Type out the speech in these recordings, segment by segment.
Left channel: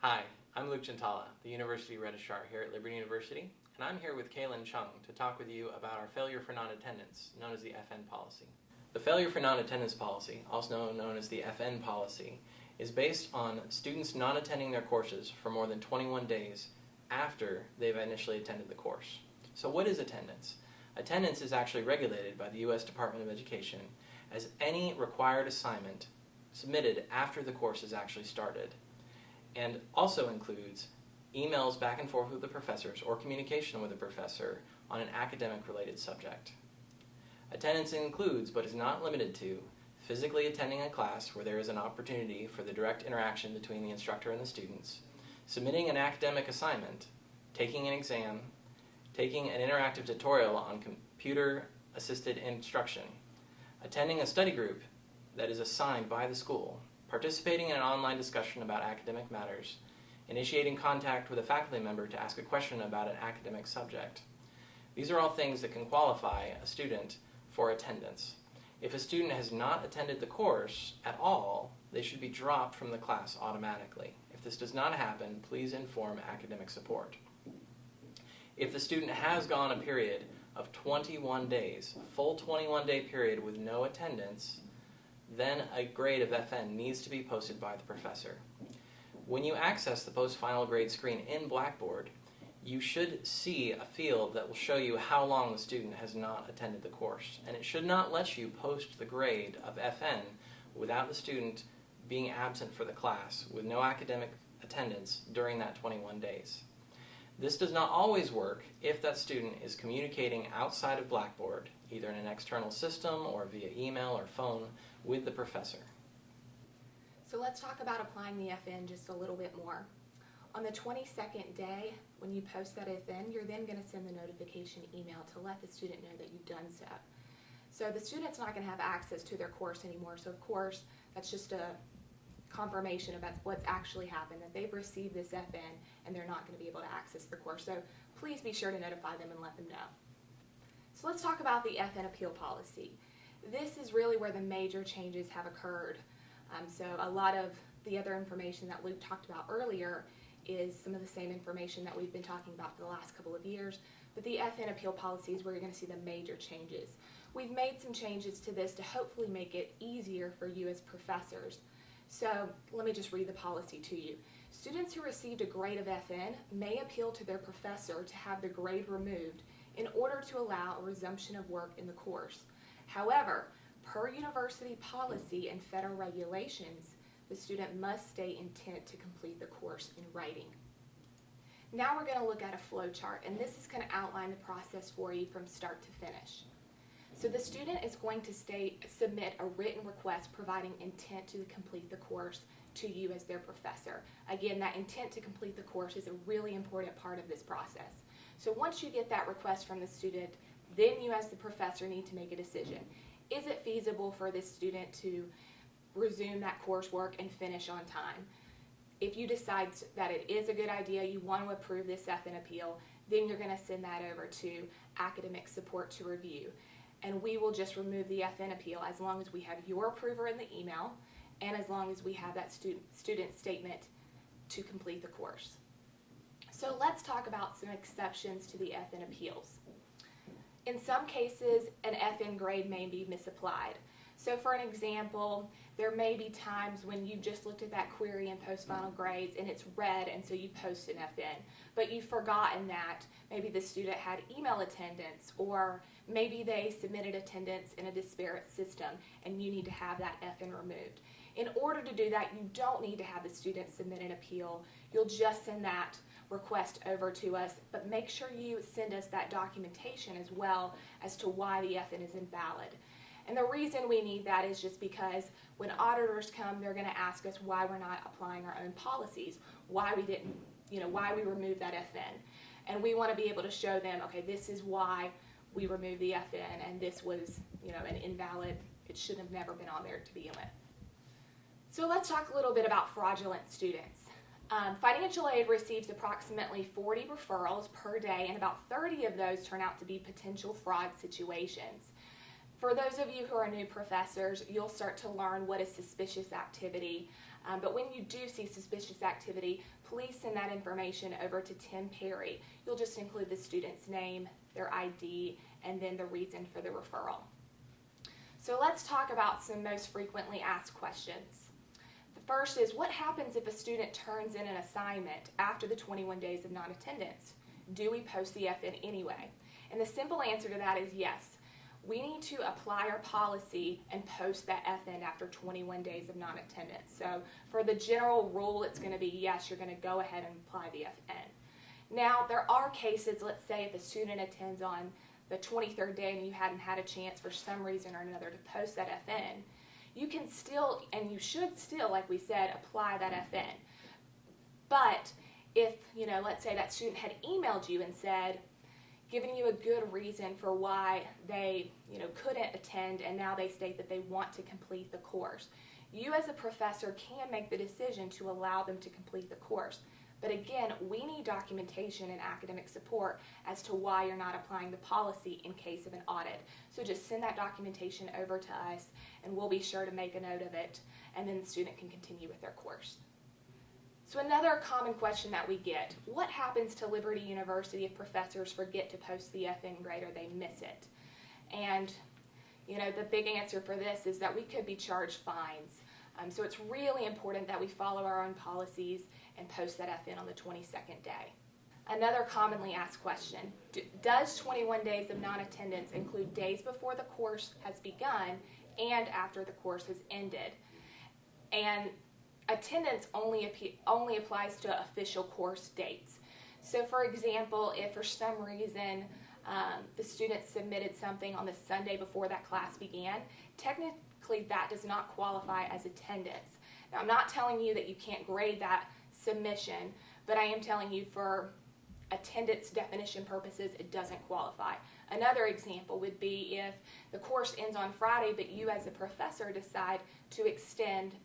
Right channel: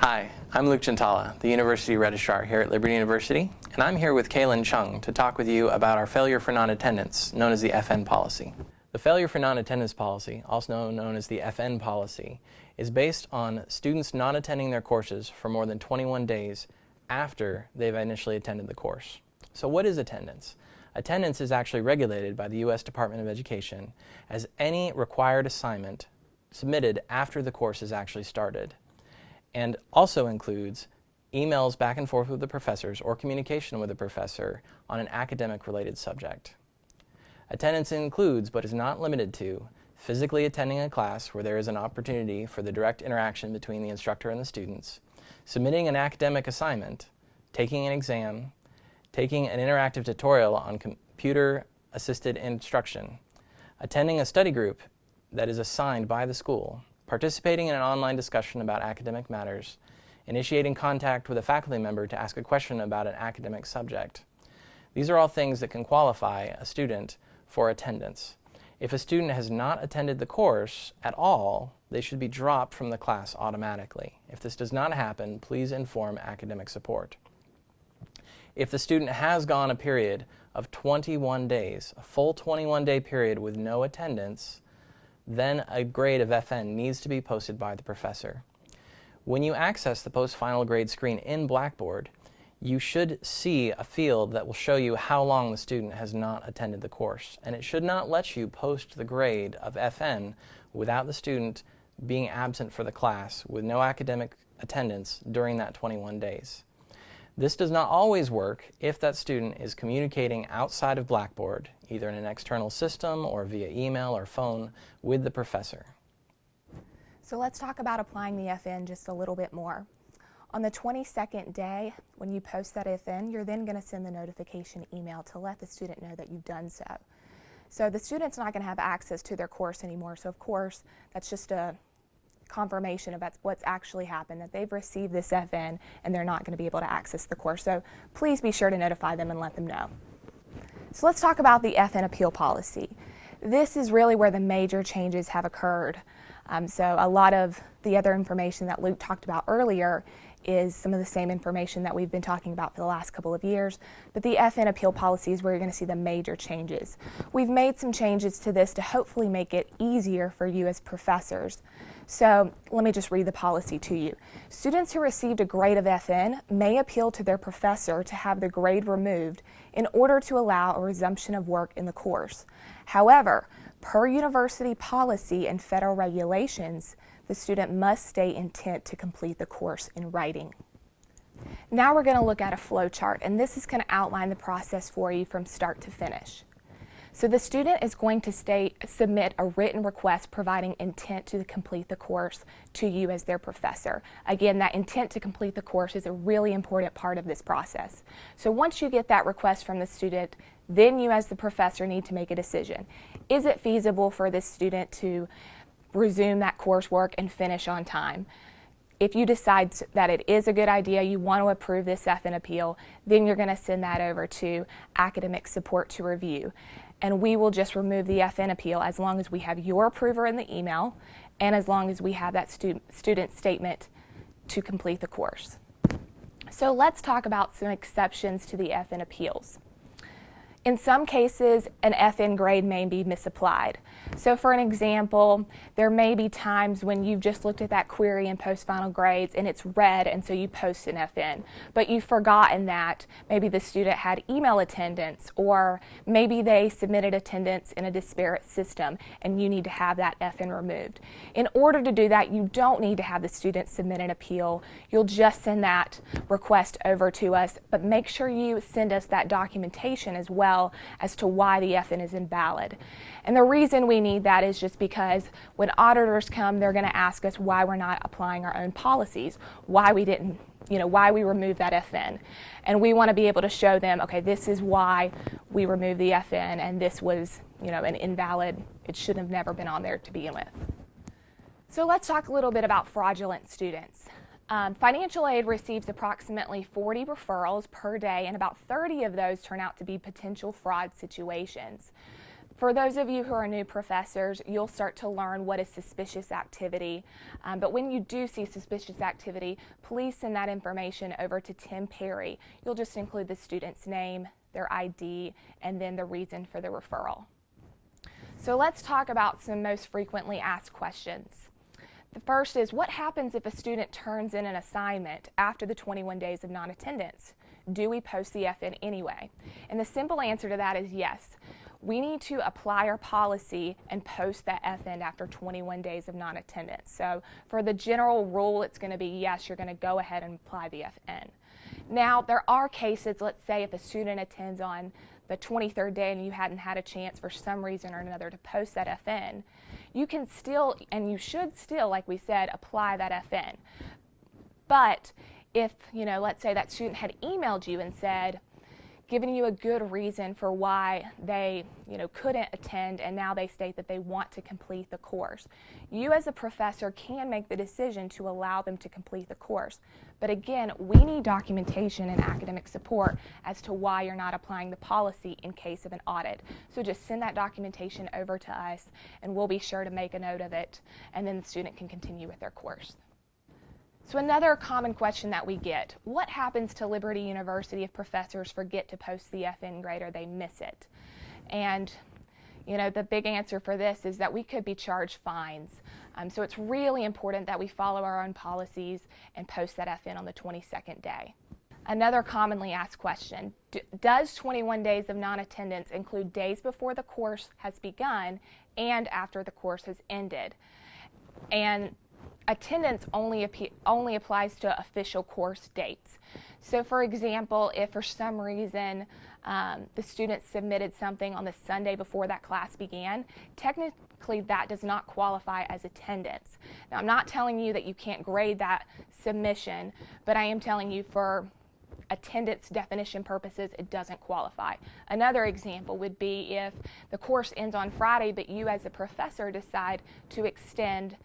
Hi, I'm Luke Chintala, the University Registrar here at Liberty University, and I'm here with Kaylin Chung to talk with you about our failure for non-attendance, known as the FN policy. The failure for non-attendance policy, also known as the FN policy, is based on students not attending their courses for more than 21 days after they've initially attended the course. So what is attendance? Attendance is actually regulated by the U.S. Department of Education as any required assignment submitted after the course is actually started, and also includes emails back and forth with the professors or communication with the professor on an academic-related subject. Attendance includes, but is not limited to, physically attending a class where there is an opportunity for the direct interaction between the instructor and the students, submitting an academic assignment, taking an exam, taking an interactive tutorial on computer-assisted instruction, attending a study group that is assigned by the school, participating in an online discussion about academic matters, initiating contact with a faculty member to ask a question about an academic subject. These are all things that can qualify a student for attendance. If a student has not attended the course at all, they should be dropped from the class automatically. If this does not happen, please inform academic support. If the student has gone a period of 21 days, a full 21-day period with no attendance, then a grade of FN needs to be posted by the professor. When you access the post-final grade screen in Blackboard, you should see a field that will show you how long the student has not attended the course, and it should not let you post the grade of FN without the student being absent for the class with no academic attendance during that 21 days. This does not always work if that student is communicating outside of Blackboard, either in an external system or via email or phone, with the professor. So let's talk about applying the FN just a little bit more. On the 22nd day, when you post that FN, you're then going to send the notification email to let the student know that you've done so. So the student's not going to have access to their course anymore, so of course that's just a confirmation about what's actually happened, that they've received this FN and they're not going to be able to access the course. So please be sure to notify them and let them know. So let's talk about the FN appeal policy. This is really where the major changes have occurred. So a lot of the other information that Luke talked about earlier is some of the same information that we've been talking about for the last couple of years, but the FN appeal policy is where you're going to see the major changes. We've made some changes to this to hopefully make it easier for you as professors. So let me just read the policy to you. Students who received a grade of FN may appeal to their professor to have the grade removed in order to allow a resumption of work in the course. However, per university policy and federal regulations, the student must state intent to complete the course in writing. Now we're going to look at a flow chart, and this is going to outline the process for you from start to finish. So the student is going to submit a written request providing intent to complete the course to you as their professor. Again, that intent to complete the course is a really important part of this process. So once you get that request from the student, then you as the professor need to make a decision. Is it feasible for this student to resume that coursework and finish on time? If you decide that it is a good idea, you want to approve this FN appeal, then you're going to send that over to academic support to review. And we will just remove the FN appeal as long as we have your approval in the email and as long as we have that student statement to complete the course. So let's talk about some exceptions to the FN appeals. In some cases, an FN grade may be misapplied. So for an example, there may be times when you've just looked at that query in post-final grades and it's red, and so you post an FN, but you've forgotten that maybe the student had email attendance, or maybe they submitted attendance in a disparate system and you need to have that FN removed. In order to do that, you don't need to have the student submit an appeal. You'll just send that request over to us, but make sure you send us that documentation as well as to why the FN is invalid. And the reason we need that is just because when auditors come, they're going to ask us why we're not applying our own policies, why we didn't, why we removed that FN. And we want to be able to show them, okay, this is why we removed the FN, and this was, an invalid, it should have never been on there to begin with. So let's talk a little bit about fraudulent students. Financial aid receives approximately 40 referrals per day, and about 30 of those turn out to be potential fraud situations. For those of you who are new professors, you'll start to learn what is suspicious activity. But when you do see suspicious activity, please send that information over to Tim Perry. You'll just include the student's name, their ID, and then the reason for the referral. So let's talk about some most frequently asked questions. The first is, what happens if a student turns in an assignment after the 21 days of non-attendance? Do we post the FN anyway? And the simple answer to that is yes. We need to apply our policy and post that FN after 21 days of non-attendance. So for the general rule, it's going to be yes, you're going to go ahead and apply the FN. Now, there are cases, let's say if a student attends on the 23rd day and you hadn't had a chance for some reason or another to post that FN, you can still, and you should still, like we said, apply that FN. But if, let's say that student had emailed you and said, giving you a good reason for why they, couldn't attend, and now they state that they want to complete the course, you as a professor can make the decision to allow them to complete the course. But again, we need documentation and academic support as to why you're not applying the policy in case of an audit. So just send that documentation over to us, and we'll be sure to make a note of it, and then the student can continue with their course. So another common question that we get, what happens to Liberty University if professors forget to post the FN grade or they miss it? And the big answer for this is that we could be charged fines. So it's really important that we follow our own policies and post that FN on the 22nd day. Another commonly asked question, does 21 days of non-attendance include days before the course has begun and after the course has ended? And attendance only applies to official course dates. So for example, if for some reason the student submitted something on the Sunday before that class began, technically that does not qualify as attendance. Now, I'm not telling you that you can't grade that submission, but I am telling you for attendance definition purposes, it doesn't qualify. Another example would be if the course ends on Friday, but you as a professor decide to extend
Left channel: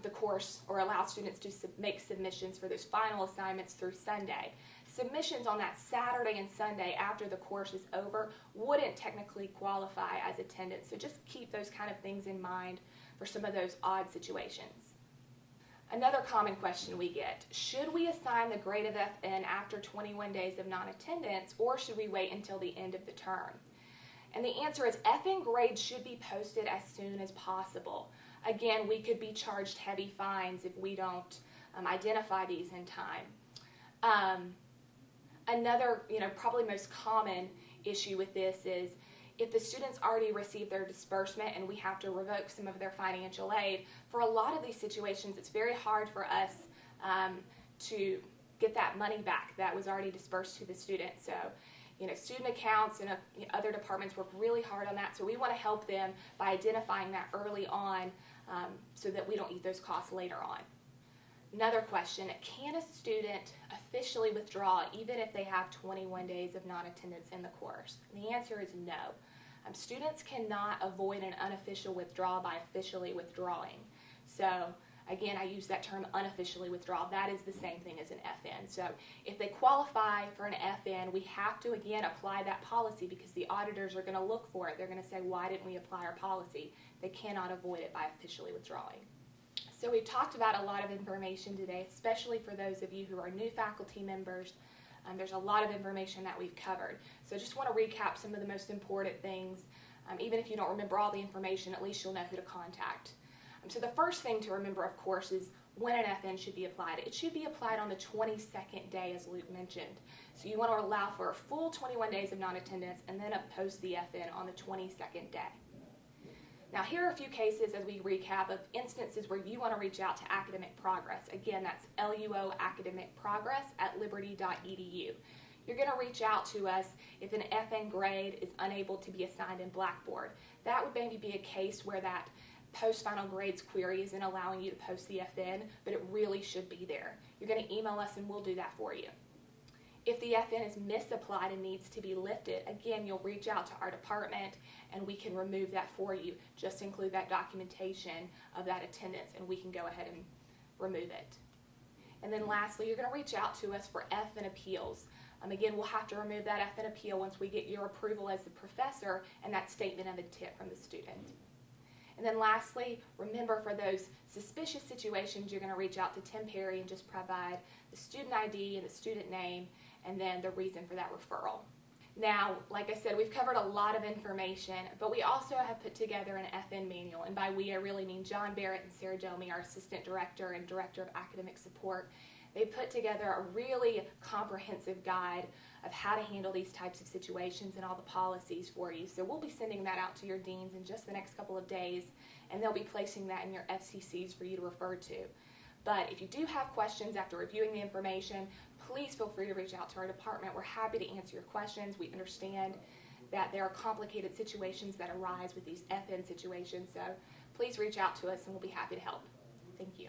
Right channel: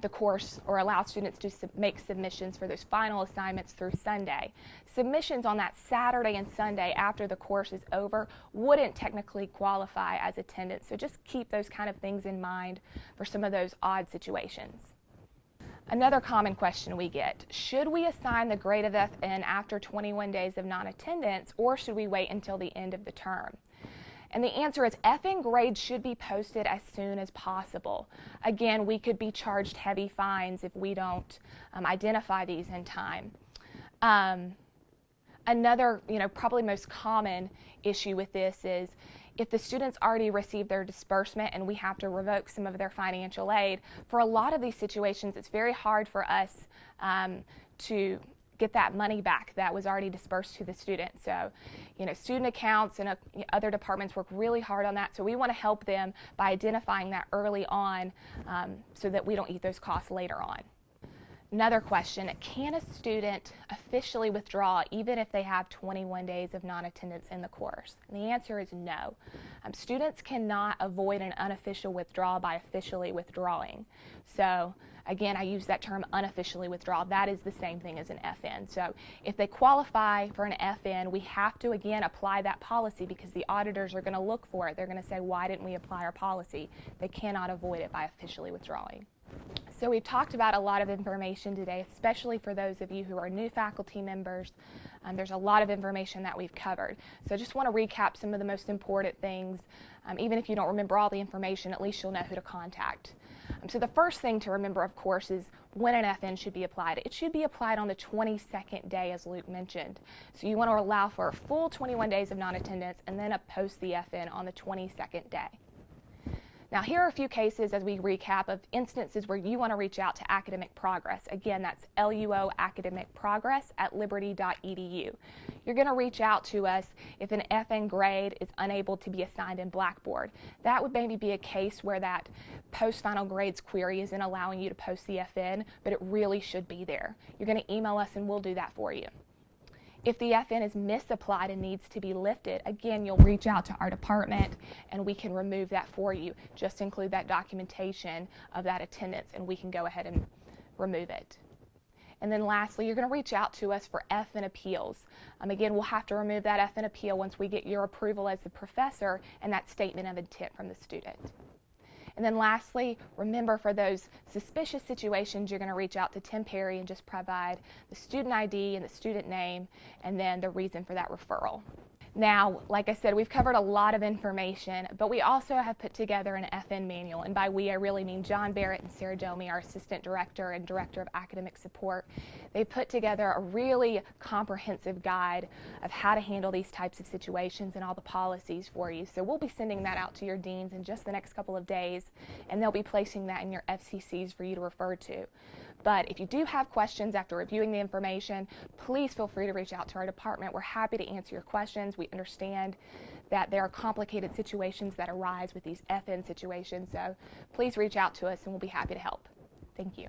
the course or allow students to make submissions for those final assignments through Sunday. Submissions on that Saturday and Sunday after the course is over wouldn't technically qualify as attendance. So just keep those kind of things in mind for some of those odd situations. Another common question we get, should we assign the grade of FN after 21 days of non-attendance, or should we wait until the end of the term? And the answer is FN grades should be posted as soon as possible. Again, we could be charged heavy fines if we don't identify these in time. Another, probably most common issue with this is if the students already received their disbursement and we have to revoke some of their financial aid, for a lot of these situations, it's very hard for us to get that money back that was already dispersed to the student. So, student accounts and other departments work really hard on that. So we want to help them by identifying that early on so that we don't eat those costs later on. Another question, can a student officially withdraw even if they have 21 days of non-attendance in the course? And the answer is no. Students cannot avoid an unofficial withdrawal by officially withdrawing. So again, I use that term unofficially withdraw. That is the same thing as an FN. So if they qualify for an FN, we have to, again, apply that policy because the auditors are going to look for it. They're going to say, why didn't we apply our policy? They cannot avoid it by officially withdrawing. So we've talked about a lot of information today, especially for those of you who are new faculty members. There's a lot of information that we've covered. So I just want to recap some of the most important things. Even if you don't remember all the information, at least you'll know who to contact. So the first thing to remember, of course, is when an FN should be applied. It should be applied on the 22nd day, as Luke mentioned. So you want to allow for a full 21 days of non-attendance and then post the FN on the 22nd day. Now, here are a few cases as we recap of instances where you want to reach out to Academic Progress. Again, that's LUO Academic Progress at liberty.edu. You're going to reach out to us if an FN grade is unable to be assigned in Blackboard. That would maybe be a case where that post-final grades query isn't allowing you to post the FN, but it really should be there. You're going to email us and we'll do that for you. If the FN is misapplied and needs to be lifted, again, you'll reach out to our department and we can remove that for you. Just include that documentation of that attendance and we can go ahead and remove it. And then lastly, you're going to reach out to us for FN appeals. Again, we'll have to remove that FN appeal once we get your approval as the professor and that statement of intent from the student. And then lastly, remember for those suspicious situations, you're going to reach out to Tim Perry and just provide the student ID and the student name and then the reason for that referral. Now, like I said, we've covered a lot of information, but we also have put together an FN manual, and by we I really mean John Barrett and Sarah Domi, our Assistant Director and Director of Academic Support. They put together a really comprehensive guide of how to handle these types of situations and all the policies for you. So we'll be sending that out to your deans in just the next couple of days, and they'll be placing that in your FCCs for you to refer to. But if you do have questions after reviewing the information, please feel free to reach out to our department. We're happy to answer your questions. We understand that there are complicated situations that arise with these FN situations, so please reach out to us and we'll be happy to help. Thank you.